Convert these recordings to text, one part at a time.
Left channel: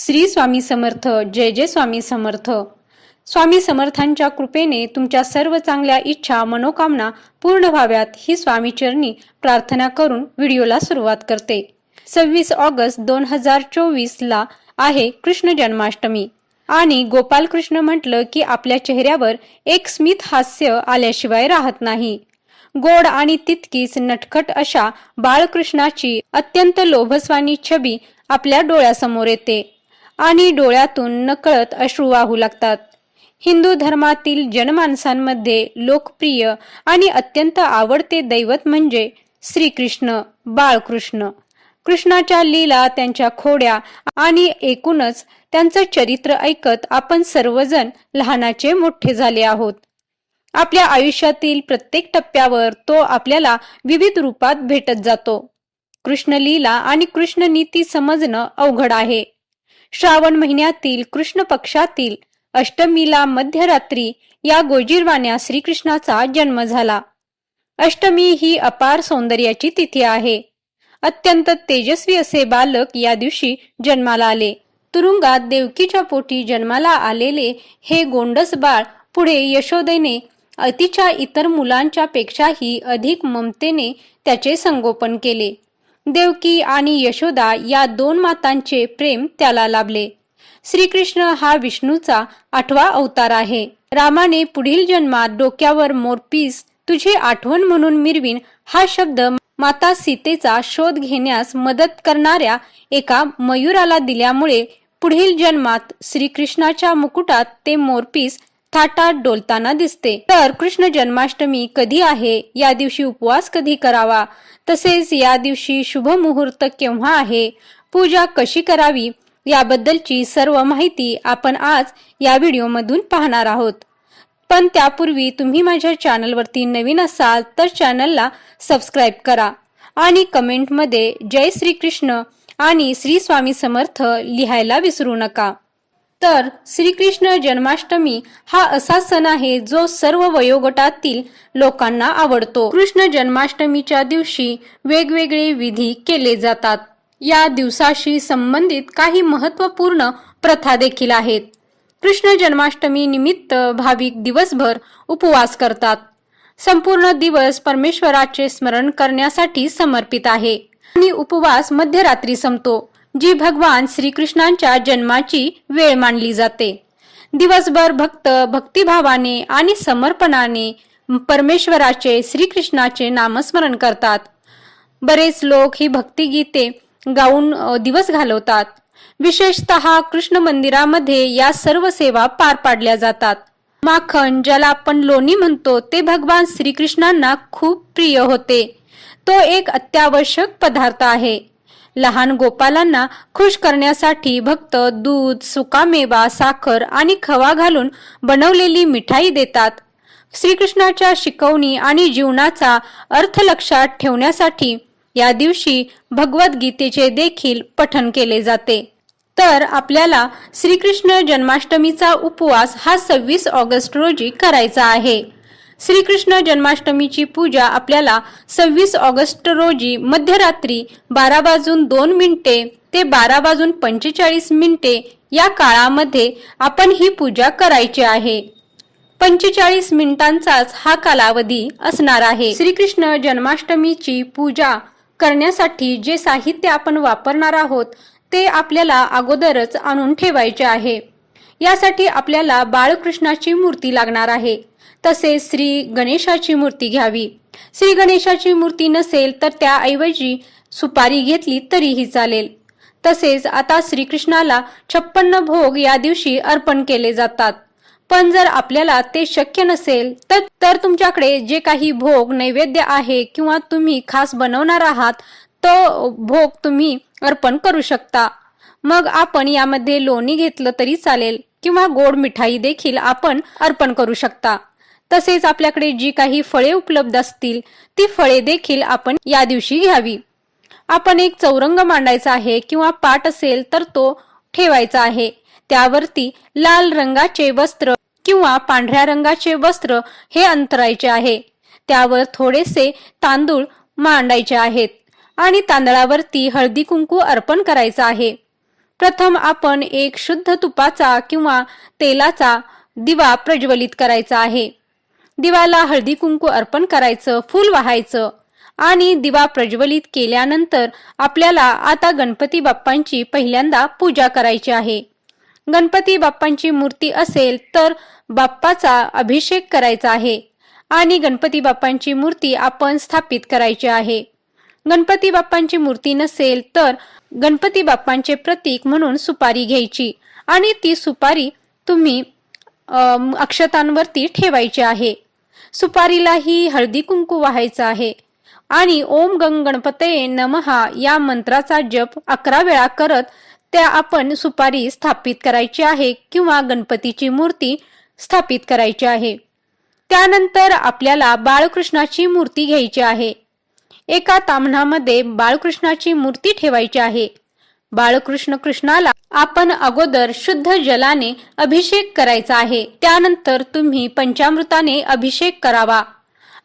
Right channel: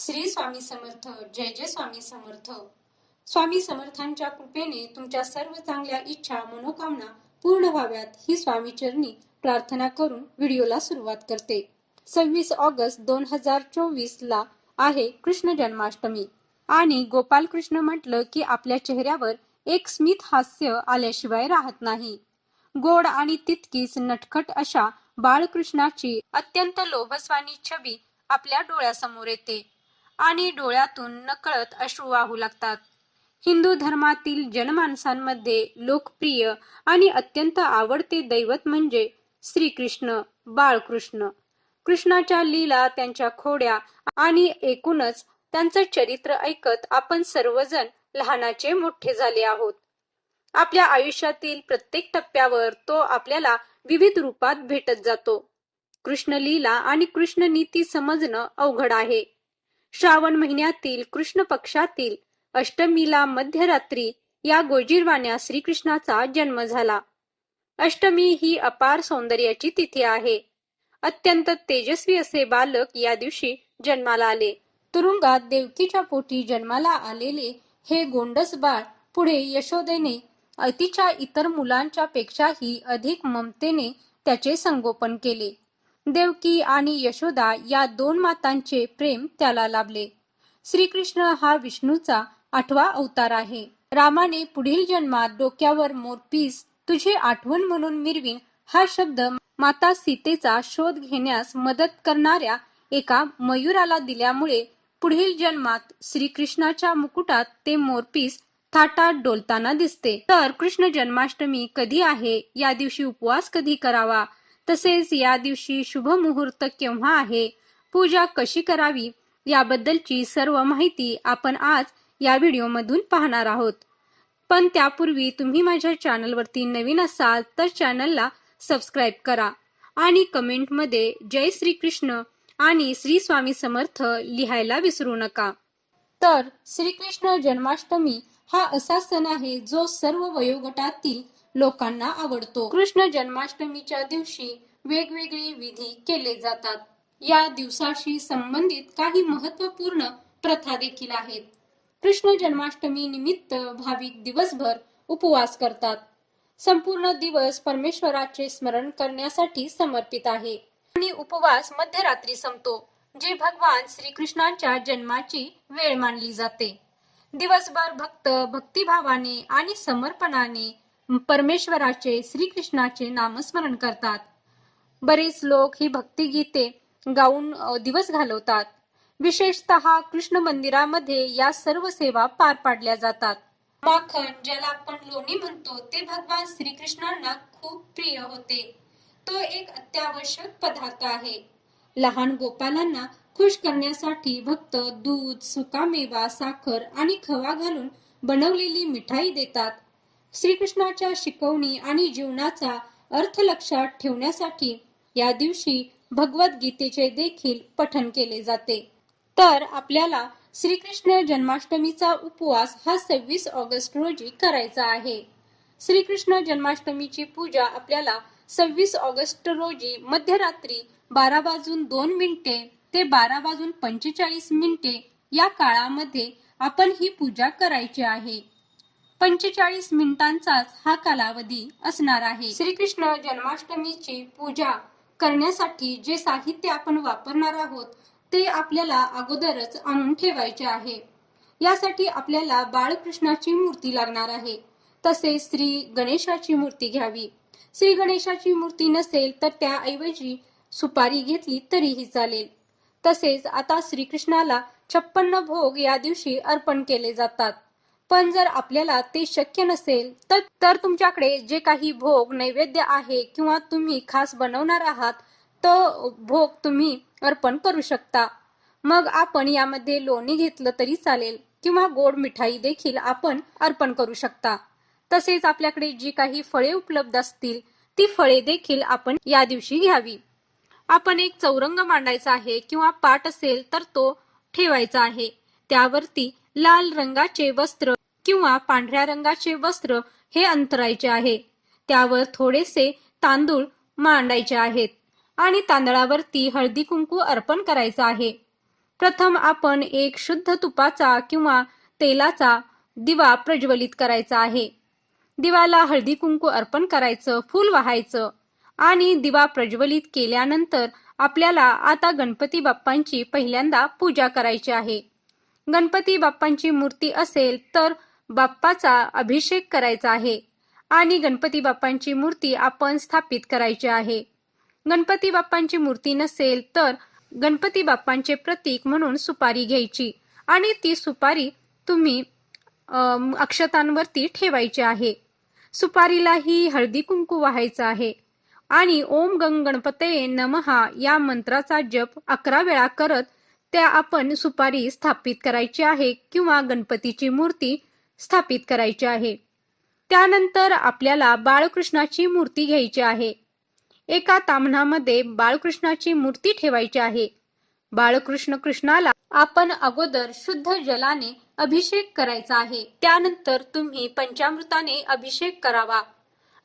श्री स्वामी समर्थ जय जय स्वामी समर्थ. स्वामी समर्थांच्या कृपेने तुमच्या सर्व चांगल्या इच्छा मनोकामना पूर्ण व्हाव्यात ही स्वामी चरणी प्रार्थना करून व्हिडिओला सुरुवात करते. सव्वीस ऑगस्ट दोन हजार चोवीस ला आहे कृष्ण जन्माष्टमी. आणि गोपाल कृष्ण म्हटलं की आपल्या चेहऱ्यावर एक स्मित हास्य आल्याशिवाय राहत नाही. गोड आणि तितकीच नटखट अशा बाळकृष्णाची अत्यंत लोभस्वानी छबी आपल्या डोळ्यासमोर येते. आणि डोळ्यातून नकळत अश्रू वाहू लागतात. हिंदू धर्मातील जनमानसांमध्ये लोकप्रिय आणि अत्यंत आवडते दैवत म्हणजे श्रीकृष्ण बाळकृष्ण. कृष्णाच्या लीला त्यांच्या खोड्या आणि एकूणच त्यांचं चरित्र ऐकत आपण सर्वजण लहानाचे मोठे झाले आहोत. आपल्या आयुष्यातील प्रत्येक टप्प्यावर तो आपल्याला विविध रूपात भेटत जातो. कृष्ण लीला आणि कृष्ण नीती समजणं अवघड आहे. श्रावण महिन्यातील कृष्ण पक्षातील अष्टमीला मध्यरात्री या गोजीरवाण्या श्रीकृष्णाचा जन्म झाला. अष्टमी ही अपार सौंदर्याची तिथी आहे. अत्यंत तेजस्वी असे बालक या दिवशी जन्माला आले. तुरुंगात देवकीच्या पोटी जन्माला आलेले हे गोंडस बाळ पुढे यशोदेने अतिच्या इतर मुलांच्या पेक्षाही अधिक ममतेने त्याचे संगोपन केले. देवकी आणि यशोदा या दोन मातांचे प्रेम त्याला लाभले. श्रीकृष्ण हा विष्णूचा आठवा अवतार आहे. रामाने पुढील जन्मात डोक्यावर मोरपीस तुझी आठवण म्हणून मिरवीन हा शब्द माता सीतेचा शोध घेण्यास मदत करणाऱ्या एका मयुराला दिल्यामुळे पुढील जन्मात श्रीकृष्णाच्या मुकुटात ते मोरपीस थाटात डोलताना दिसते. तर कृष्ण जन्माष्टमी कधी आहे? या दिवशी उपवास कधी करावा? तसेच या दिवशी शुभ मुहूर्त केव्हा आहे? पूजा कशी करावी? याबद्दलची सर्व माहिती आपण आज या व्हिडिओमधून पाहणार आहोत. पण त्यापूर्वी तुम्ही माझ्या चॅनलवरती नवीन असाल तर चॅनलला सबस्क्राईब करा आणि कमेंटमध्ये जय श्रीकृष्ण आणि श्री स्वामी समर्थ लिहायला विसरू नका. तर श्रीकृष्ण जन्माष्टमी हा असा सण आहे जो सर्व वयोगटातील लोकांना आवडतो. कृष्ण जन्माष्टमीच्या दिवशी वेगवेगळे विधी केले जातात. या दिवसाशी संबंधित काही महत्त्वपूर्ण प्रथा देखील आहेत. कृष्ण जन्माष्टमी निमित्त भाविक दिवसभर उपवास करतात. संपूर्ण दिवस परमेश्वराचे स्मरण करण्यासाठी समर्पित आहे. आणि उपवास मध्यरात्री संपतो. जी भगवान श्रीकृष्णांच्या जन्माची वेळ मानली जाते. दिवसभर भक्त भक्तिभावाने आणि समर्पणाने परमेश्वराचे श्रीकृष्णाचे नामस्मरण करतात. बरेच लोक ही भक्तिगीते गाऊन दिवस घालवतात. विशेषतः कृष्ण मंदिरामध्ये या सर्व सेवा पार पाडल्या जातात. माखन ज्याला आपण लोणी म्हणतो ते भगवान श्रीकृष्णांना खूप प्रिय होते. तो एक अत्यावश्यक पदार्थ आहे. लहान गोपालांना खुश करण्यासाठी भक्त दूध सुकामेवा साखर आणि खवा घालून बनवलेली मिठाई देतात. श्रीकृष्णाच्या शिकवणी आणि जीवनाचा अर्थ लक्षात ठेवण्यासाठी या दिवशी भगवद्गीतेचे देखील पठन केले जाते. तर आपल्याला श्रीकृष्ण जन्माष्टमीचा उपवास हा सव्वीस ऑगस्ट रोजी करायचा आहे. श्रीकृष्ण जन्माष्टमीची पूजा आपल्याला सव्वीस ऑगस्ट रोजी मध्यरात्री बारा वाजून दोन मिनिटे ते बारा वाजून पंचेचाळीस मिनिटे या काळामध्ये आपण ही पूजा करायची आहे. पंचेचाळीस मिनिटांचाच हा कालावधी असणार आहे. श्रीकृष्ण जन्माष्टमीची पूजा करण्यासाठी जे साहित्य आपण वापरणार आहोत ते आपल्याला अगोदरच आणून ठेवायचे आहे. यासाठी आपल्याला बाळकृष्णाची मूर्ती लागणार आहे. तसेच श्री गणेशाची मूर्ती घ्यावी. श्री गणेशाची मूर्ती नसेल तर त्याऐवजी सुपारी घेतली तरीही चालेल. तसेच आता श्रीकृष्णाला छप्पन्न भोग या दिवशी अर्पण केले जातात. पण जर आपल्याला ते शक्य नसेल तर तर तुमच्याकडे जे काही भोग नैवेद्य आहे किंवा तुम्ही खास बनवणार आहात तो भोग तुम्ही अर्पण करू शकता. मग आपण यामध्ये लोणी घेतलं तरी चालेल किंवा गोड मिठाई देखील आपण अर्पण करू शकता. तसेच आपल्याकडे जी काही फळे उपलब्ध असतील ती फळे देखील आपण या दिवशी घ्यावी. आपण एक चौरंग मांडायचा आहे किंवा पाट असेल तर तो ठेवायचा आहे. त्यावरती लाल रंगाचे वस्त्र किंवा पांढऱ्या रंगाचे वस्त्र हे अंतरायचे आहे. त्यावर थोडेसे तांदूळ मांडायचे आहेत आणि तांदळावरती हळदी कुंकू अर्पण करायचं आहे. प्रथम आपण एक शुद्ध तुपाचा किंवा तेलाचा दिवा प्रज्वलित करायचा आहे. दिवाला हळदी कुंकू अर्पण करायचं फूल वाहायचं आणि दिवा प्रज्वलित केल्यानंतर आपल्याला आता गणपती बाप्पांची पहिल्यांदा पूजा करायची आहे. गणपती बाप्पांची मूर्ती असेल तर बाप्पाचा अभिषेक करायचा आहे आणि गणपती बाप्पांची मूर्ती आपण स्थापित करायची आहे. गणपती बाप्पांची मूर्ती नसेल तर गणपती बाप्पांचे प्रतीक म्हणून सुपारी घ्यायची आणि ती सुपारी तुम्ही अक्षतांवरती ठेवायची आहे. सुपारीलाही हळदी कुंकू व्हायचं आहे. आणि ओम गंग गणपतये नमहा या मंत्राचा जप अकरा वेळा करत त्या आपण सुपारी स्थापित करायची आहे किंवा गणपतीची मूर्ती स्थापित करायची आहे. त्यानंतर आपल्याला बाळकृष्णाची मूर्ती घ्यायची आहे. एका ताम्हणामध्ये बाळकृष्णाची मूर्ती ठेवायची आहे. बाळकृष्ण कृष्णाला आपण अगोदर शुद्ध जलाने अभिषेक करायचा आहे. त्यानंतर तुम्ही पंचामृताने अभिषेक करावा.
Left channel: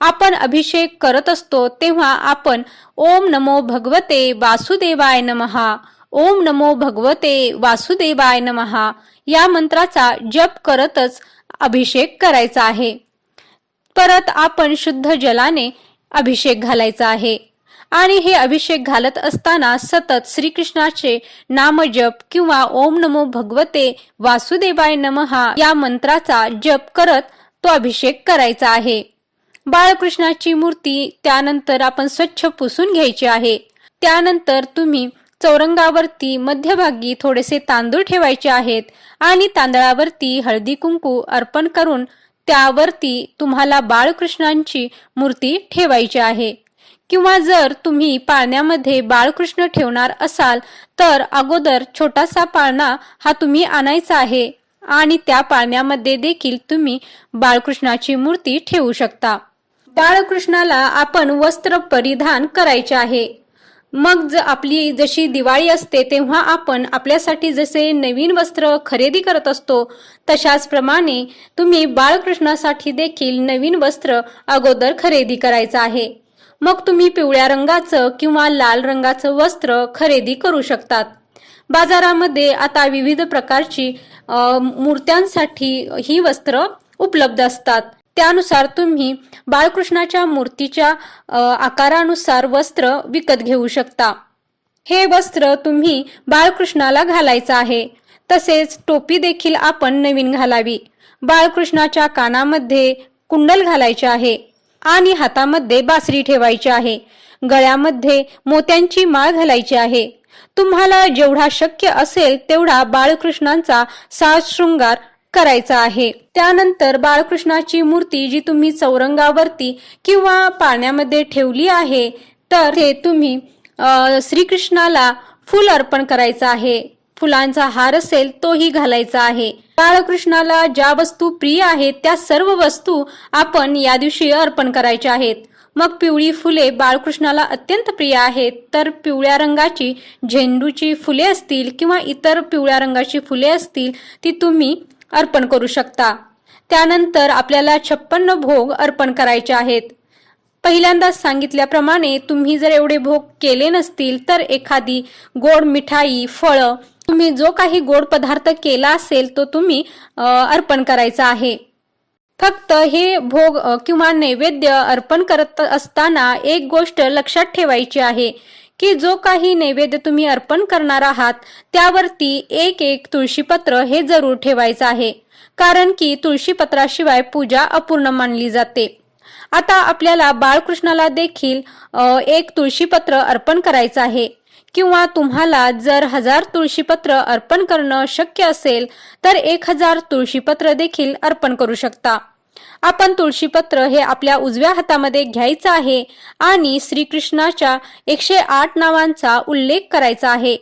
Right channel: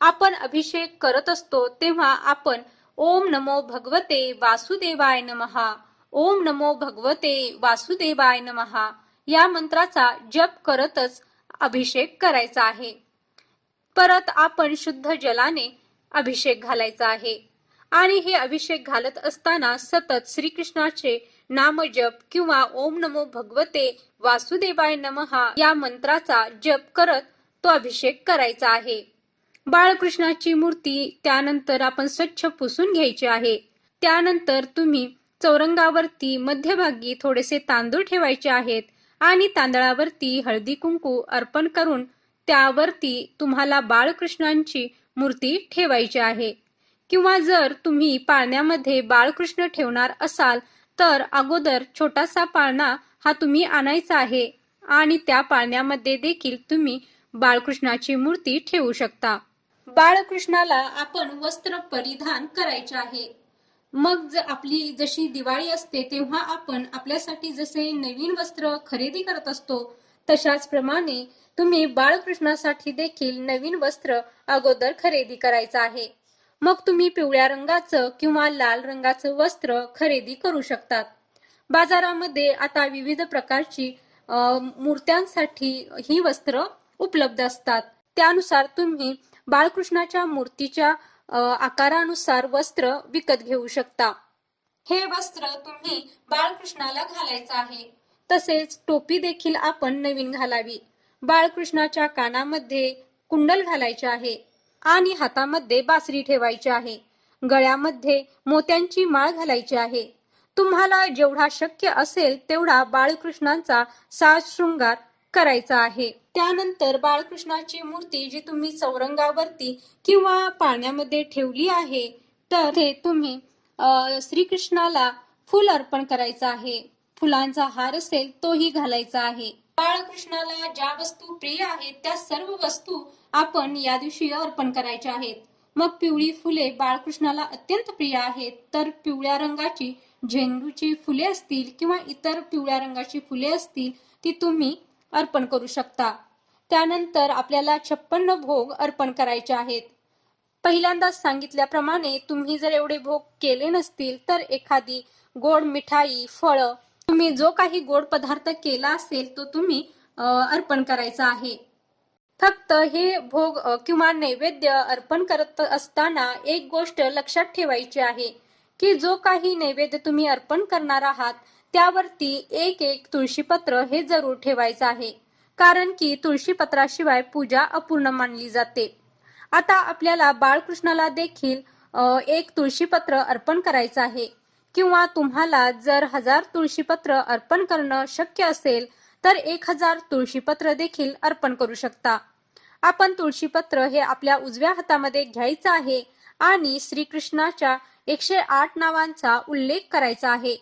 आपण अभिषेक करत असतो तेव्हा आपण ओम नमो भगवते वासुदेवाय नमहा ओम नमो भगवते वासुदेवाय नमहा या मंत्राचा जप करतच अभिषेक करायचा आहे. परत आपण शुद्ध जलाने अभिषेक घालायचा आहे. आणि हे अभिषेक घालत असताना सतत श्रीकृष्णाचे नामजप किंवा ओम नमो भगवते वासुदेवाय नमहा या मंत्राचा जप करत तो अभिषेक करायचा आहे. बाळकृष्णाची मूर्ती त्यानंतर आपण स्वच्छ पुसून घ्यायची आहे. त्यानंतर तुम्ही चौरंगावरती मध्यभागी थोडेसे तांदूळ ठेवायचे आहेत आणि तांदळावरती हळदी कुंकू अर्पण करून त्यावरती तुम्हाला बाळकृष्णांची मूर्ती ठेवायची आहे. किंवा जर तुम्ही पाळण्यामध्ये बाळकृष्ण ठेवणार असाल तर अगोदर छोटासा पाळणा हा तुम्ही आणायचा आहे आणि त्या पाळण्यामध्ये देखील तुम्ही बाळकृष्णाची मूर्ती ठेवू शकता. बाळकृष्णाला आपण वस्त्र परिधान करायचे आहे. मग ज आपली जशी दिवाळी असते तेव्हा आपण आपल्यासाठी जसे नवीन वस्त्र खरेदी करत असतो तशाच प्रमाणे तुम्ही बाळकृष्णासाठी देखील नवीन वस्त्र अगोदर खरेदी करायचं आहे. मग तुम्ही पिवळ्या रंगाचं किंवा लाल रंगाचं वस्त्र खरेदी करू शकतात. बाजारामध्ये आता विविध प्रकारची मूर्त्यांसाठी ही वस्त्र उपलब्ध असतात. त्यानुसार तुम्ही बाळकृष्णाच्या मूर्तीच्या आकारानुसार वस्त्र विकत घेऊ शकता. हे वस्त्र तुम्ही बाळकृष्णाला घालायचं आहे. तसेच टोपी देखील आपण नवीन घालावी. बाळकृष्णाच्या कानामध्ये कुंडल घालायचे आहे. आणि हातामध्ये बासरी ठेवायची आहे. गळ्यामध्ये मोत्यांची माळ घालायची आहे. तुम्हाला जेवढा शक्य असेल तेवढा बाळकृष्णांचा साज शृंगार करायचा आहे. त्यानंतर बाळकृष्णाची मूर्ती जी तुम्ही चौरंगावरती किंवा पाण्यामध्ये ठेवली आहे तर ते तुम्ही श्रीकृष्णाला फुल अर्पण करायचं आहे. फुलांचा हार असेल तोही घालायचा आहे. बाळकृष्णाला ज्या वस्तू प्रिय आहेत त्या सर्व वस्तू आपण या दिवशी अर्पण करायच्या आहेत. मग पिवळी फुले बाळकृष्णाला अत्यंत प्रिय आहेत तर पिवळ्या रंगाची झेंडूची फुले असतील किंवा इतर पिवळ्या रंगाची फुले असतील ती तुम्ही अर्पण करू शकता. त्यानंतर आपल्याला छप्पन्न भोग अर्पण करायचे आहेत. पहिल्यांदाच सांगितल्याप्रमाणे तुम्ही जर एवढे भोग केले नसतील तर एखादी गोड मिठाई फळं तुम्ही जो काही गोड पदार्थ केला असेल तो तुम्ही अर्पण करायचा आहे. फक्त हे भोग किंवा नैवेद्य अर्पण करत असताना एक गोष्ट लक्षात ठेवायची आहे की जो काही नैवेद्य तुम्ही अर्पण करणार आहात त्यावरती एक एक तुळशीपत्र हे जरूर ठेवायचं आहे कारण की तुळशीपत्राशिवाय पूजा अपूर्ण मानली जाते. आता आपल्याला बाळकृष्णाला देखील एक तुळशीपत्र अर्पण करायचं आहे. किंवा तुम्हाला जर हजार तुळशीपत्र अर्पण करणं शक्य असेल तर एक हजार तुळशीपत्र देखील अर्पण करू शकता. आपण तुळशीपत्र हे आपल्या उजव्या हातामध्ये घ्यायचं आहे आणि श्रीकृष्णाच्या एकशे आठ नावांचा उल्लेख करायचा आहे.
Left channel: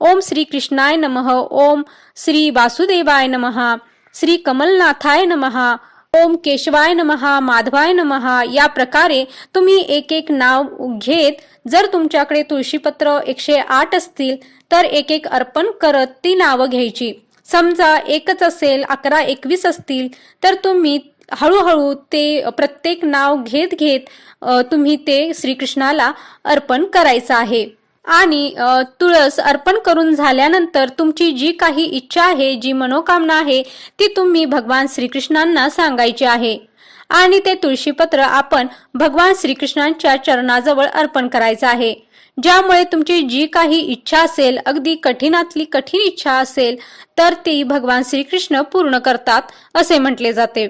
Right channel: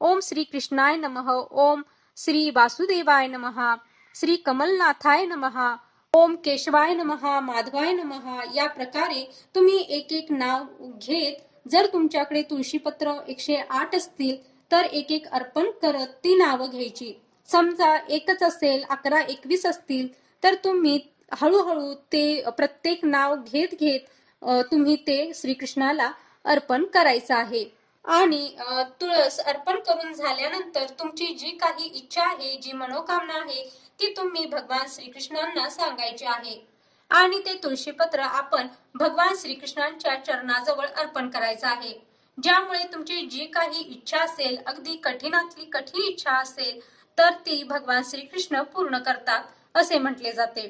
ओम श्री कृष्णाय नमः. ओम श्री वासुदेवाय नमः. श्री कमलनाथाय नमः. ओम केशवाय नमहा माधवाय नमहा या प्रकारे तुम्ही एक एक नाव घेत जर तुमच्याकडे तुळशीपत्र एकशे आठ असतील तर एक एक अर्पण करत ती नावं घ्यायची. समजा एकच असेल अकरा एकवीस असतील तर तुम्ही हळूहळू ते प्रत्येक नाव घेत घेत तुम्ही ते श्रीकृष्णाला अर्पण करायचं आहे. आणि तुळस अर्पण करून झाल्यानंतर तुमची जी काही इच्छा आहे जी मनोकामना आहे ती तुम्ही भगवान श्रीकृष्णांना सांगायची आहे. आणि ते तुळशीपत्र आपण भगवान श्रीकृष्णांच्या चरणाजवळ अर्पण करायचं आहे. ज्यामुळे तुमची जी काही इच्छा असेल अगदी कठीणातली कठीण इच्छा असेल तर ती भगवान श्रीकृष्ण पूर्ण करतात असे म्हटले जाते.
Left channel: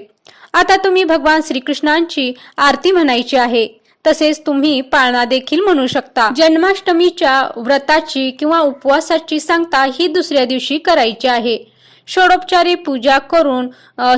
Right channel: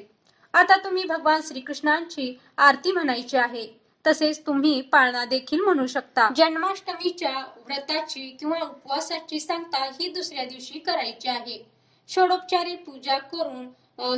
आता तुम्ही भगवान श्रीकृष्णांची आरती म्हणायची आहे. तसेच तुम्ही पाळणा देखील म्हणू शकता. जन्माष्टमीच्या व्रताची किंवा उपवासाची सांगता ही दुसऱ्या दिवशी करायची आहे. षोडोपचारी पूजा करून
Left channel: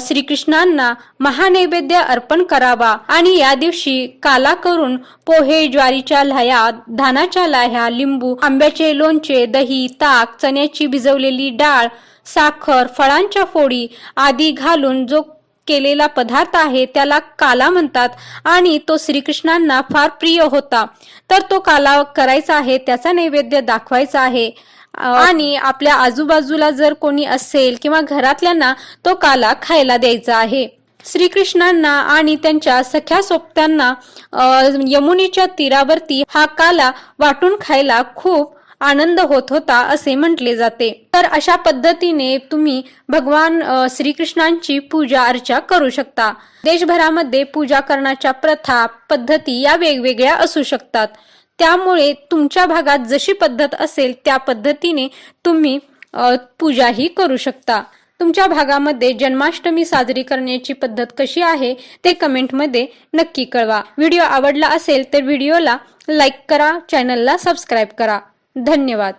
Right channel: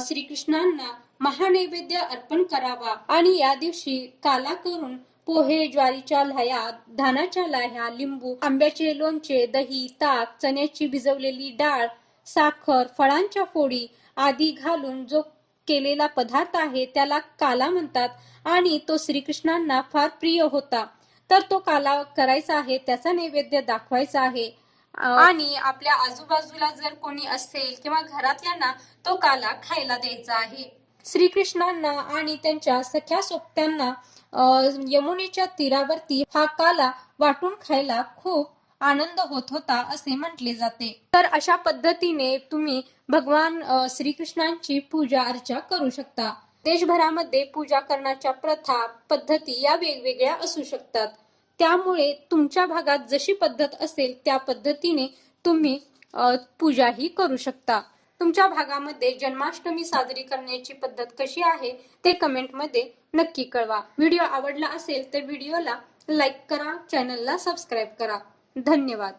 श्रीकृष्णांना महानैवेद्य अर्पण करावा. आणि या दिवशी काला करून पोहे ज्वारीच्या लाह्या धानाच्या लाह्या लिंबू आंब्याचे लोणचे दही ताक चण्याची भिजवलेली डाळ साखर फळांच्या फोडी आदी घालून जो केलेला पदार्थ आहे त्याला काला म्हणतात आणि तो श्रीकृष्णांना फार प्रिय होता. तर तो काला करायचा आहे त्याचा नैवेद्य दाखवायचा आहे. आणि आपल्या आजूबाजूला जर कोणी असेल किंवा घरातल्यांना तो काला खायला द्यायचा आहे. श्रीकृष्णांना आणि त्यांच्या सख्या सोबत्यांना अ, यमुनेच्या तीरावरती हा काला वाटून खायला खूप आनंद होत होता असे म्हटले जाते. तर अशा पद्धतीने तुम्ही भगवान श्रीकृष्णांची पूजा अर्चा करू शकता. देशभरामध्ये पूजा करण्याच्या प्रथा पद्धती या वेगवेगळ्या असू शकतात. त्यामुळे तुमच्या भागात जशी पद्धत असेल त्या पद्धतीने तुम्ही पूजाही करू शकता. तुमच्या भागामध्ये जन्माष्टमी साजरी करण्याची पद्धत कशी आहे ते कमेंटमध्ये नक्की कळवा. व्हिडिओ आवडला असेल तर व्हिडिओला लाईक करा चॅनलला सबस्क्राईब करा. धन्यवाद.